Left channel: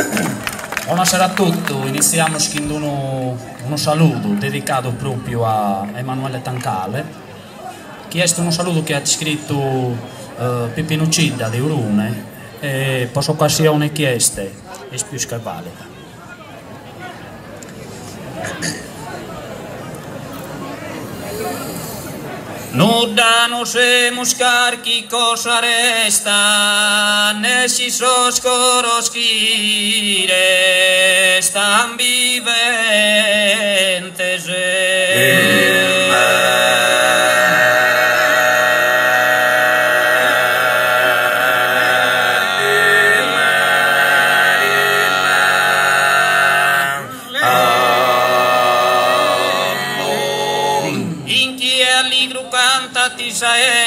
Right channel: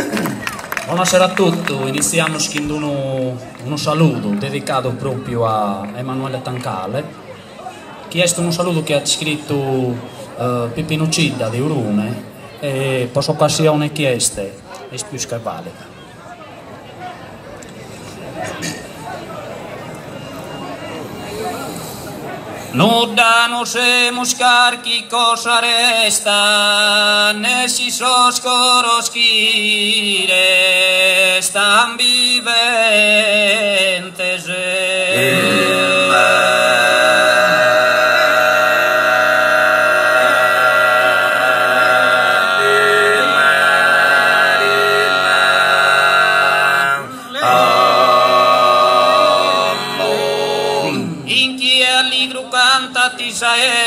Buonasera a tutti, iniziamo con un saluto dedicato proprio a Emanuele Tancale. Chiesto un saluto che ha scritto Pipino Cidda di Urune e per occasione chieste è più che valida. Nuda no semos carqui cosa resta, nessi soscoros qui restan viventes.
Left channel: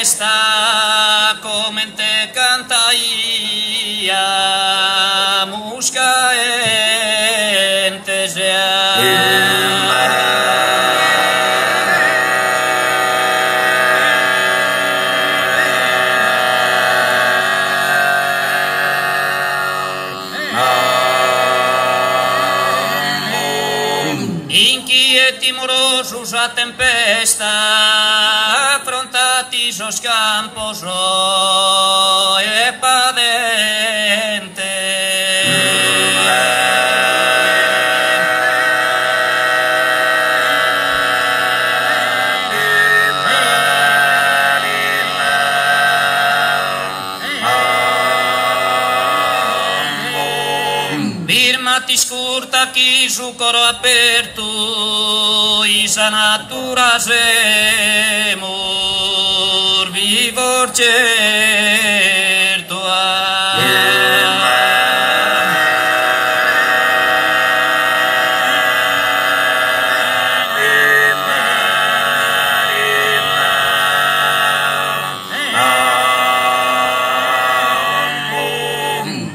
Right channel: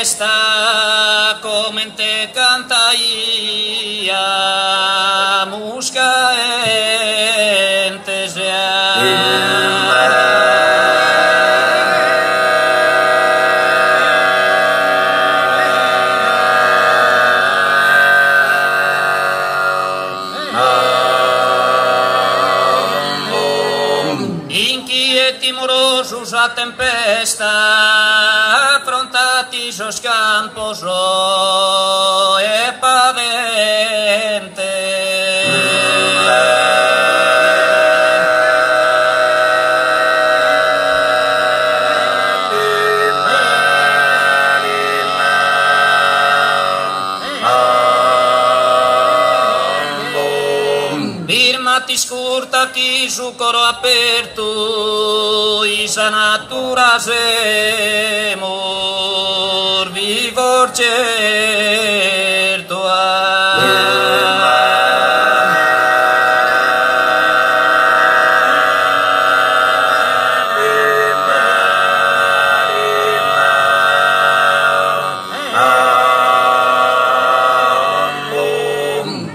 Esta come te cantaia musca entes inquieti morosos a tempesta esos campos e padente firmati scurta chi su coro aperto isa natura semo vivor certo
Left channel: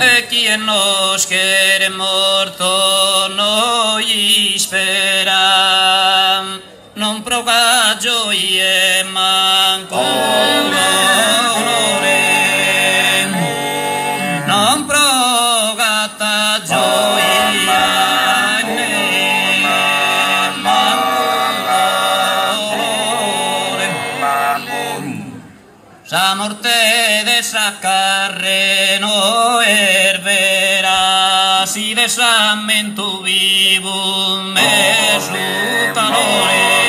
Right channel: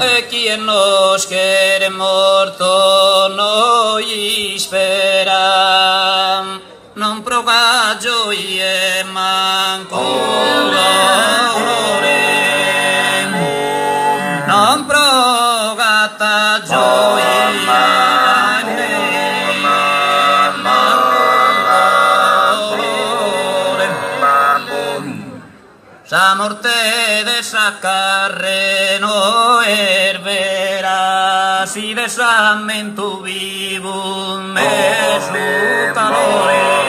e chi è nos che è morto noi spera non prova gioie manco non provata gioia sa morte de sa carre no ervera si de samento vivo me su calore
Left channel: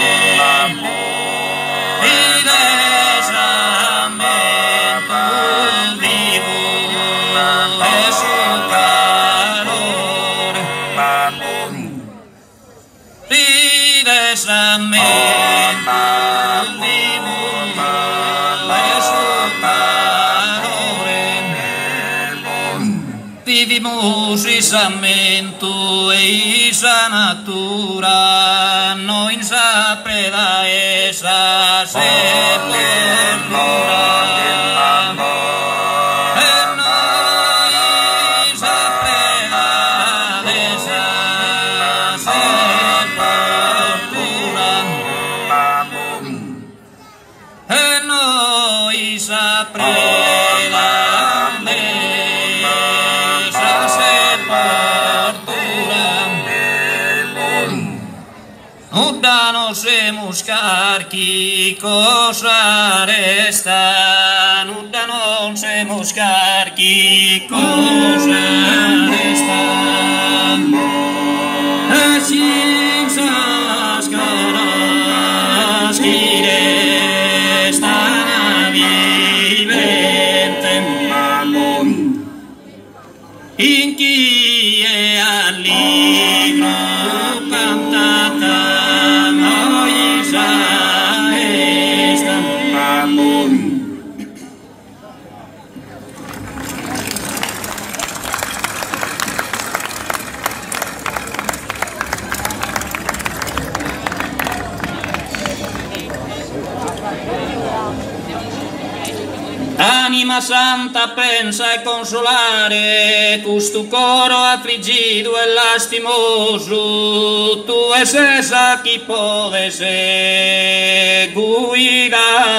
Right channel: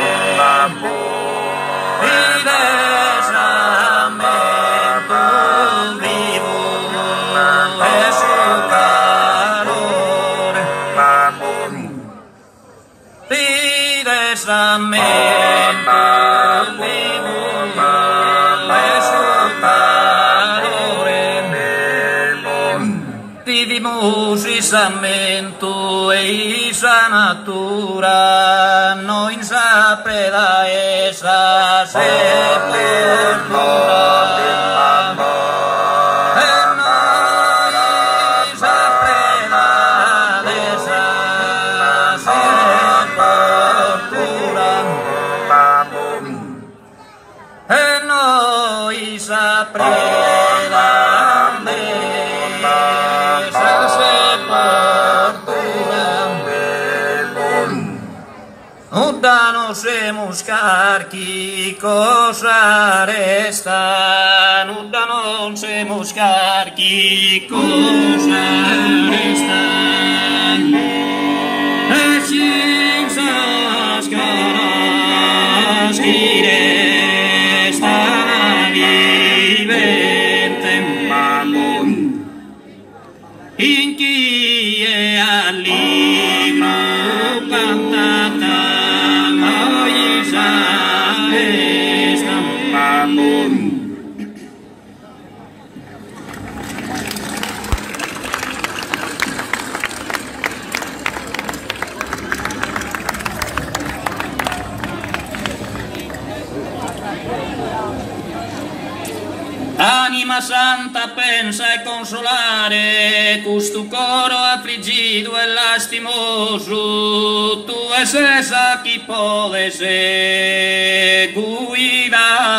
vivimos isamento e isa natura no insa preda esa sepoltura Semos carqui cosa resta, nuda non semos carqui cosa resta. Escinsas caras qui resta vivente, in chi è alligro cantata. Anima santa pensa e consolare questo coro affligido e lastimoso, tu es esa chi puoi guidare.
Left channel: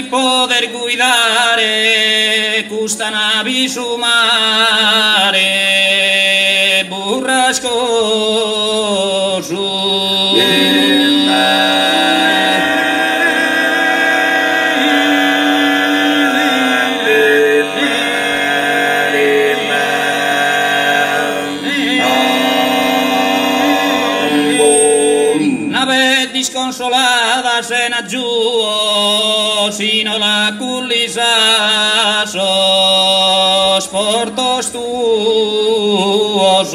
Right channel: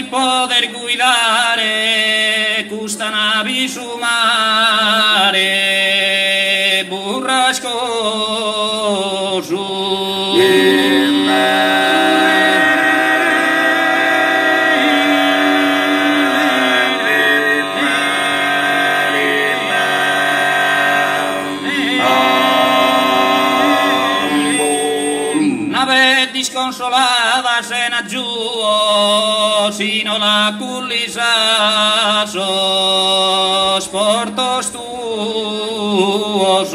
chi poter guidare questa nave su mare burrascoso. Disconsolada se ne giù sino la cullisa sos portos tuos.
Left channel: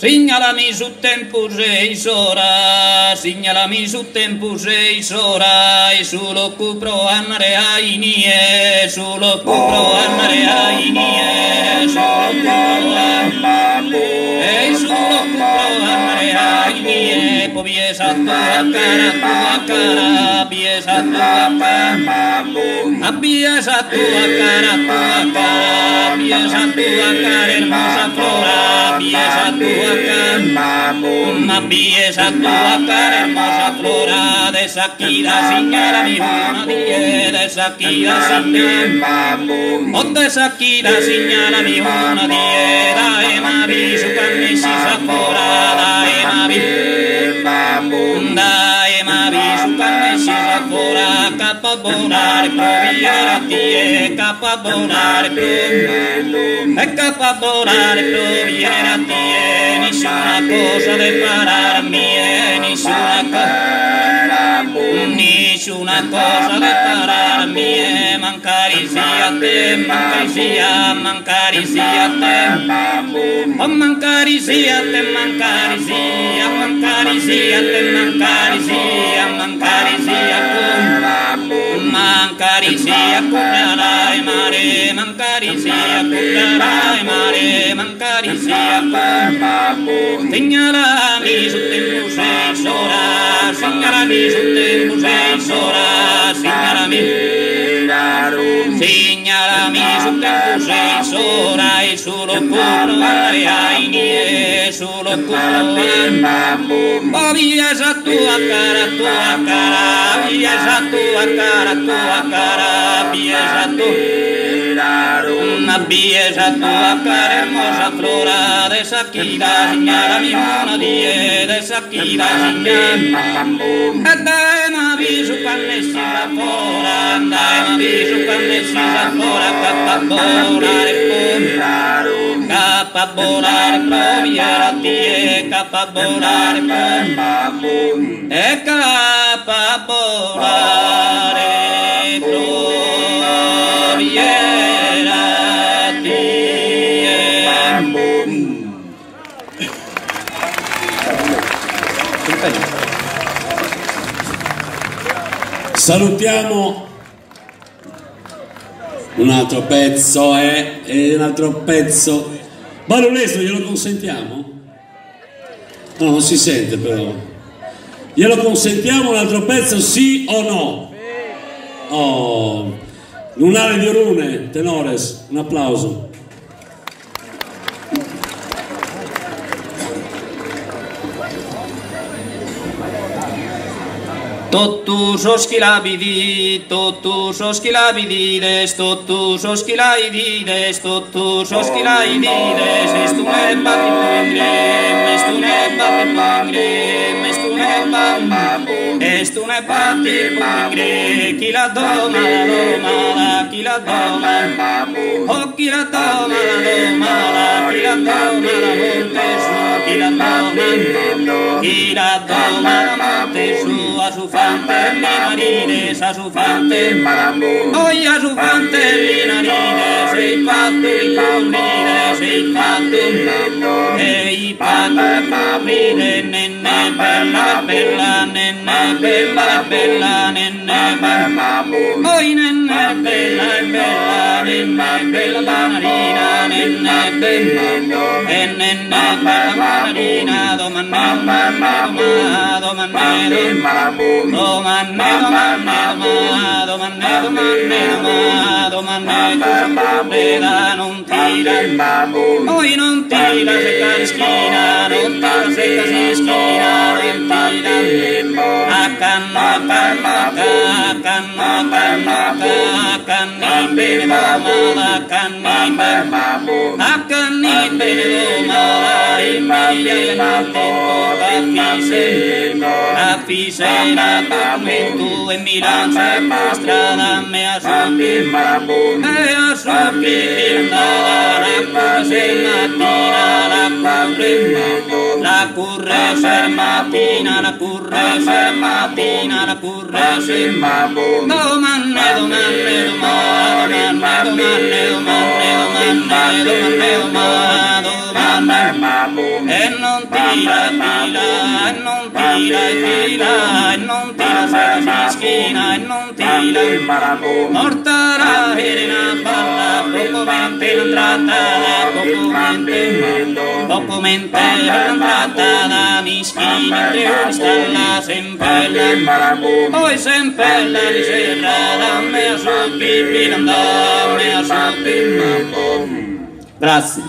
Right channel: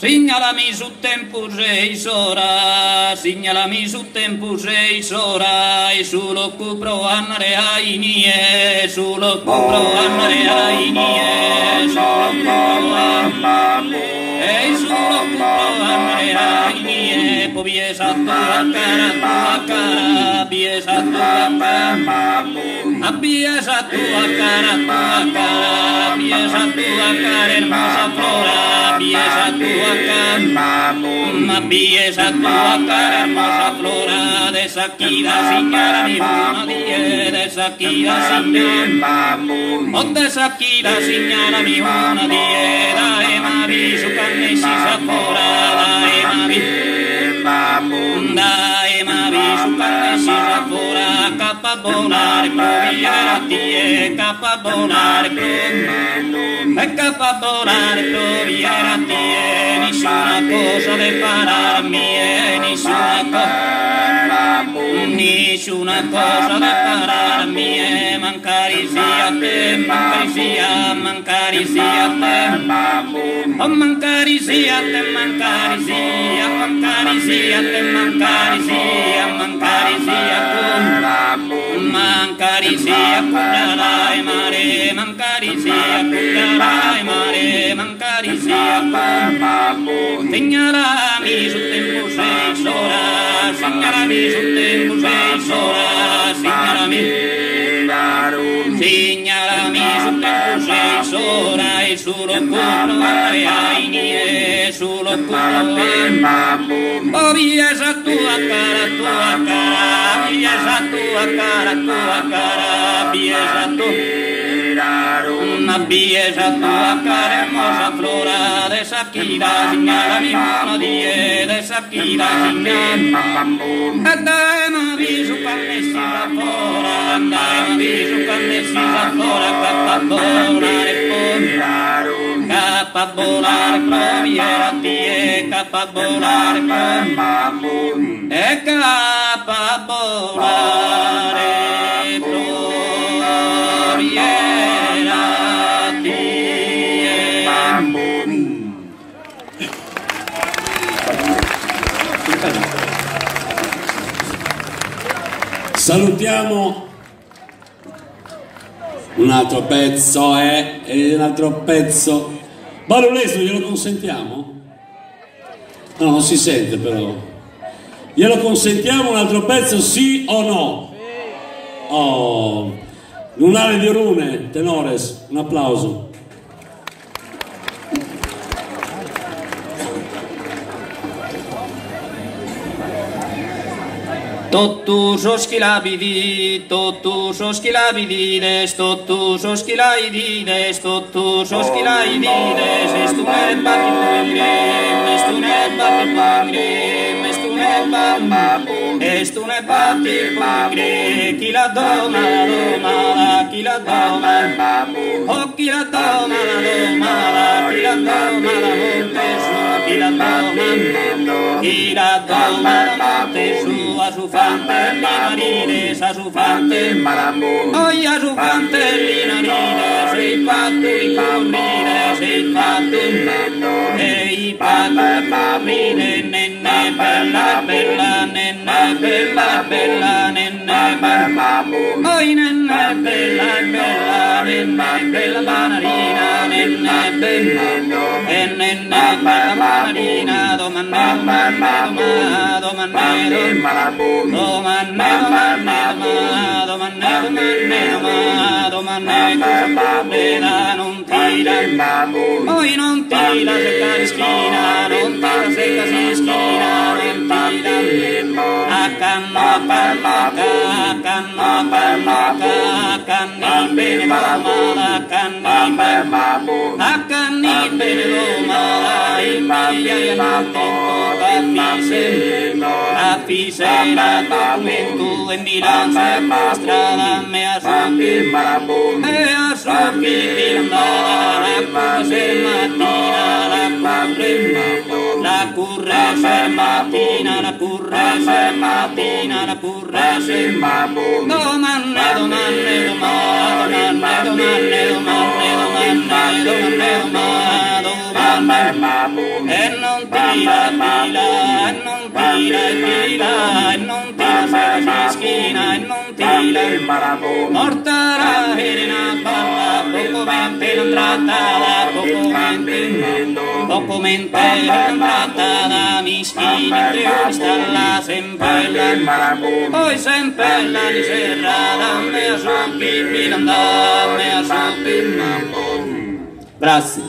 Segnalami su tempo 6 ore, segnalami su tempo 6 ore, e solo cupro andare ai nie, solo cupro andare ai nie, solo cupro andare ai nie, poi biesa tua cara, biesa tua cara, biesa tua cara, biesa tua cara, hermosa flora, biesa tua ma biesa tua cara hermosa flora de Shakira señala mi una die de Shakira señala o de Shakira señala mi una die dai ma viso canne si sapora dai ma viso canne si sapora capa bonare proviera tie capa bonare proviera tie nessuna cosa da pararmi nessuna cosa da pararmi mancare sia te mancare sia te oh mancare sia te mancare sia te mancare sia curerai mare mancare sia curerai mare mancare sia segnalami su tempo 6 ore segnalami su tempo 6 ore segnalami su tempo 6 ore e solo cupro ai nie solo cupro oh biesa tua cara biesa tua cara biesa tua ma biesa tua cara hermosa flora de Shakira segnalami una die de Shakira segnala dai ma viso canne si fora dai ma viso canne si fora capa volare proviera tie capa volare e capa volare proviera tie. Salutiamo un altro pezzo e un altro pezzo. Barulesimo glielo consentiamo? No, non si sente però. Glielo consentiamo un altro pezzo, sì o no? Oh, Lunare di Orune, tenores, un applauso. Totus oskilabidi, totus oskilabidines, totus oskilaidides, totus oskilaidides, estune patipungrim, estune patipungrim, estune patipungrim, kila doma, kila doma, oh kila doma, kila doma, kila doma, montesu, a su fante marines, a su fante oi a su fante linarines, sei fatto di paurire, sei fatto e i paurire, nenne bella bella, nenne bella bella, nenne bella oi nenne bella bella, nenne bella banarina, nenne Poi non tira se cade schina, non tira se cade schina, non tira. A canno canni bene mala, canni bene mala, in mia a fisera commento e bilancia per strada me a sopi la curre se mattina la curre se mattina la curre se domande e non tira se schina e non tira mortara herena balla poco mente l'entrata da mischina stalla sempella poi sempella di serrata me a sopi grazie.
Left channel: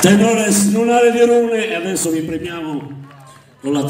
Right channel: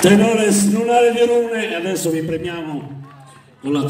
Tenore Lunare di Orune, e adesso vi premiamo con la